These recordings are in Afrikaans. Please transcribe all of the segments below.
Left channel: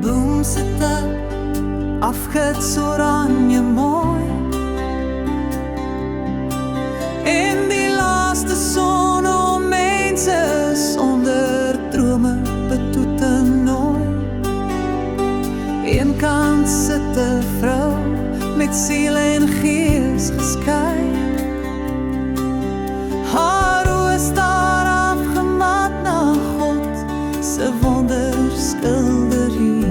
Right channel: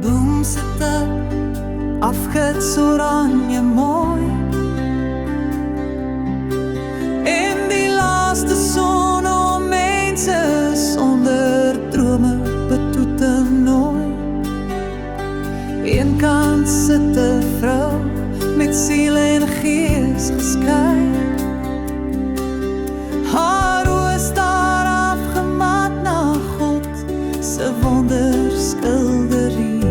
boom sit ek afgits oranje mooi. En die laaste son om mense sonder drome betoete nooi. Eenkant sit 'n vrou met siel en gees geskei. Haar oë staar afgemat na God se wonderskilderie.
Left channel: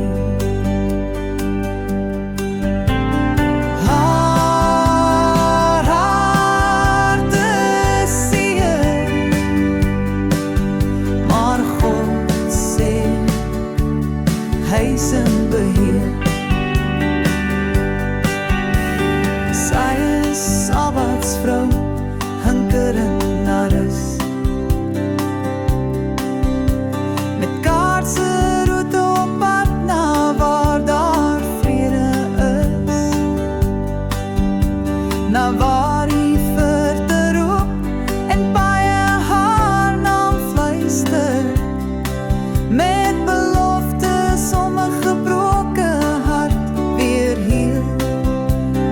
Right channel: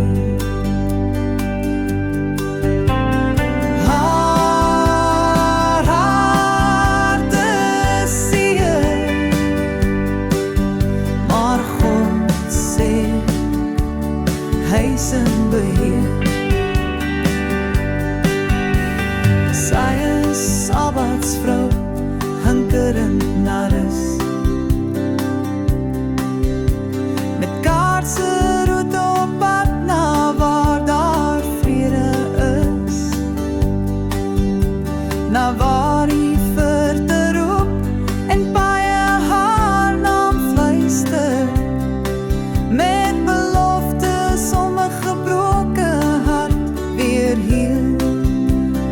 Haar hart is seer, maar God sê hy is in beheer. Sy is Sabbatsvrou, hinkerend na rus. Met kaarse roete op pad na waar daar vrede is. Na waar die verte roep en baie haar naam fluister. Met beloftes om 'n gebroke hart weer heel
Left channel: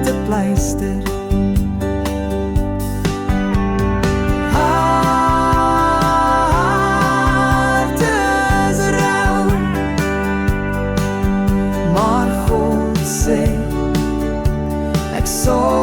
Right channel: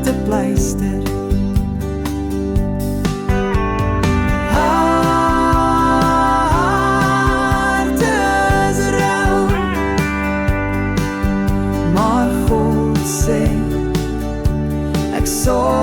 te pleister. Hart is rou, maar God sê ek sorg